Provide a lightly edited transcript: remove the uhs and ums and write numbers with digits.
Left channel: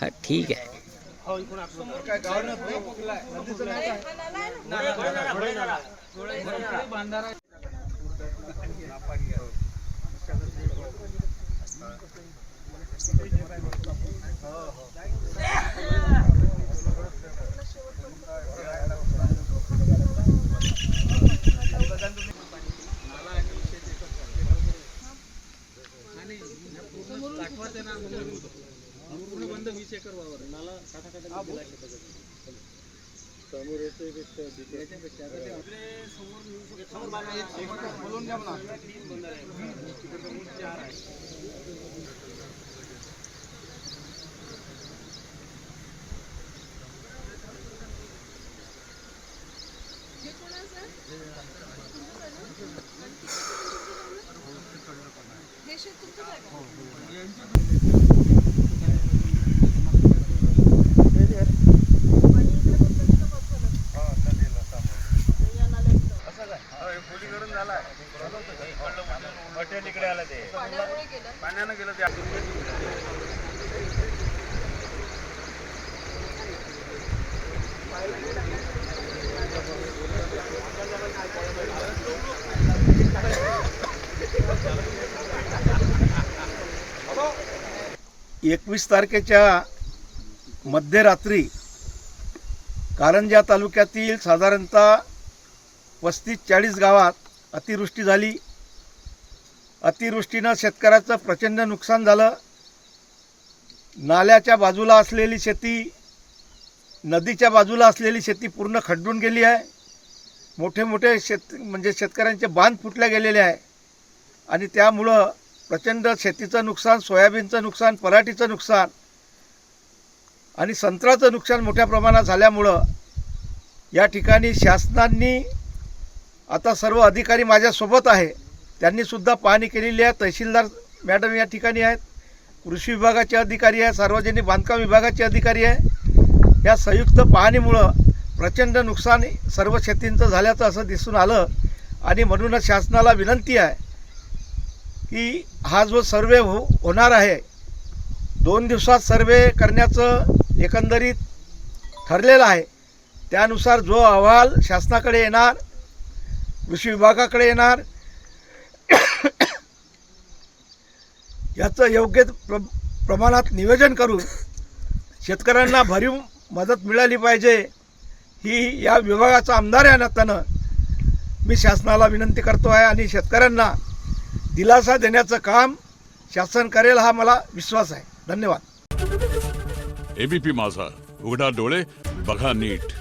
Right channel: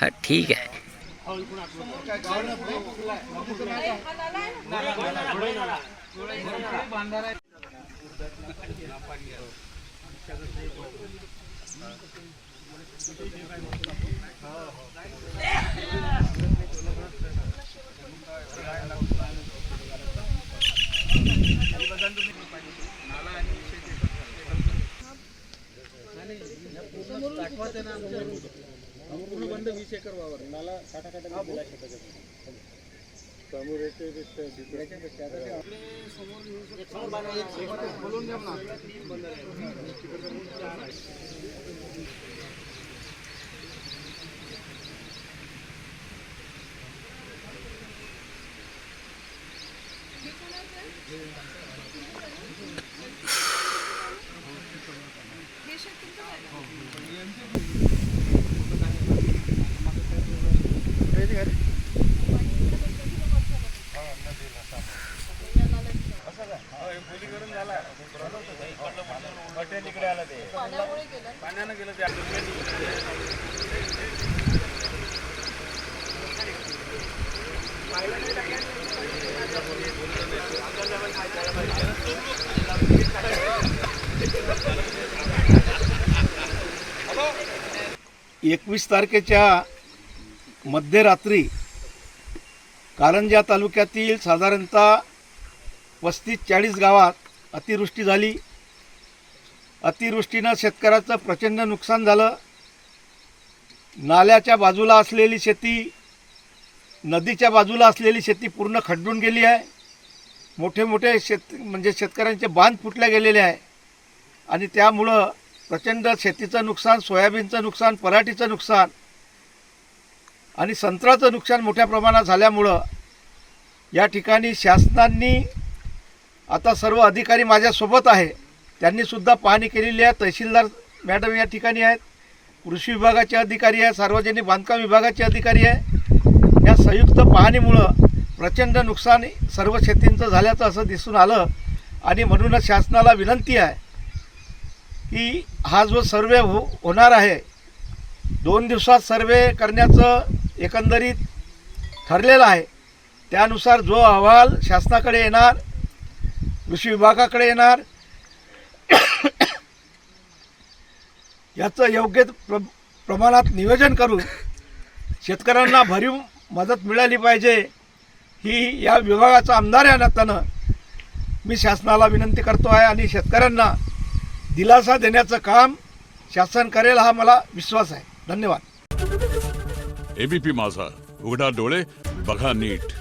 हा ठीक आहे. पूर्ण बंद 20 एकर वावर नाला काटा दिला बोलून घ्या ना. पाण्यानं गेलं ते. एकवीस तारखेच्या मध्यरात्री कारंजा तालुक्यातील साधारणतः 35-40 गावात अतिवृष्टी झाली. अतिवृष्टीनं शेतकऱ्याचं प्रचंड नुकसान झालं. नाल्याच्या बाजूला असलेली शेती, नदीच्या बाजूला असलेली शेती पूर्ण खड्डून गेली आहे. मोठे मोठे शेतकऱ्यांचे बांध फुटले गेलेले आहे आणि त्यामुळं प्रचंड शेतीचं नुकसान, सोयाबीनचं नुकसान, पराठीचं नुकसान आणि संत्र्याचं नुकसान मोठ्या प्रमाणात झाल्यामुळं या ठिकाणी शासनाने आता सर्व अधिकारी माझ्यासोबत आहे, त्यांनीसुद्धा पाहणी केलेली आहे. तहसीलदार मॅडम या ठिकाणी आहेत, कृषी विभागाचे अधिकारी आहे, सार्वजनिक बांधकाम विभागाचे अधिकारी आहे. या संयुक्त पाहणीमुळं प्रचंड नुकसान सर्व शेतींचं झाल्याचं असं दिसून आलं आणि म्हणूनच शासनाला विनंती आहे की हा जो सर्वे होणार आहे, 2 दिवसात सर्वे करण्याचं एकंदरीत ठरलेलं आहे. त्यानुसार जो अहवाल शासनाकडे येणार, कृषी विभागाकडे येणार, याचं योग्य प्रमाणात नियोजन करून शेतकऱ्यांना भरीव मदत मिळाली पाहिजे, ही या विभागाचा आमदार या नात्यानं मी शासनाला विनंती करतो आहे आणि शेतकऱ्यांना दिलासा देण्याचं काम शासन करेल हा मला विश्वास आहे. धन्यवाद. एबीपी माझा, उघडा डोळे बघा नीट.